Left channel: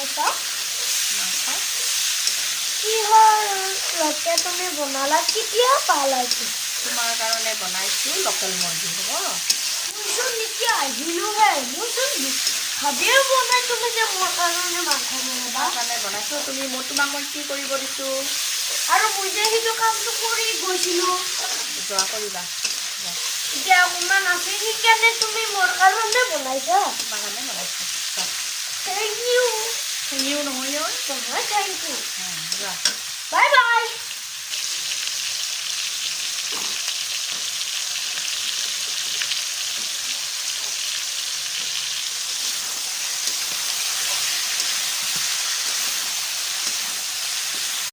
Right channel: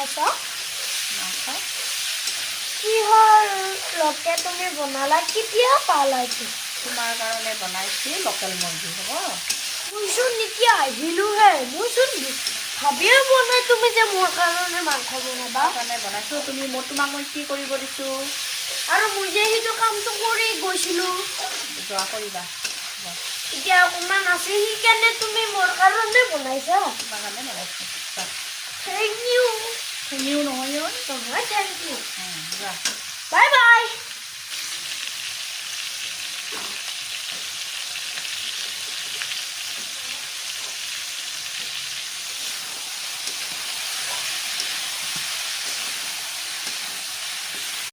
বনাইছা মাংস কিহৰ লকে তুমি বনালা কেতিয়া পালা এইটো তোমাৰ কাৰণে বনাইছোঁ লোকেল মুৰ্গী হ'ব মইচোন নেকি আহিলোহে মইচোন ভাবিয়ে পোৱা নাই তুমি যে মোৰ কাৰণে মাংস বনাবা তোমাৰ কাৰণে বনাইছোঁ তোমাক মই কি কৰিব দিছোঁ আৰু মই যে সেইটো কামটো কৰি গৈছিলোঁ যোৱা কৰিবা এতিয়া অকণমান আছে সেইকাৰণে তুমি মোৰ কাৰণে বনাইছা তোমাৰ কাৰণে বনাইছোঁ থেংক ইউ শুনিও নহয় নহয় থেংক ইউ যোৱা বাই বাই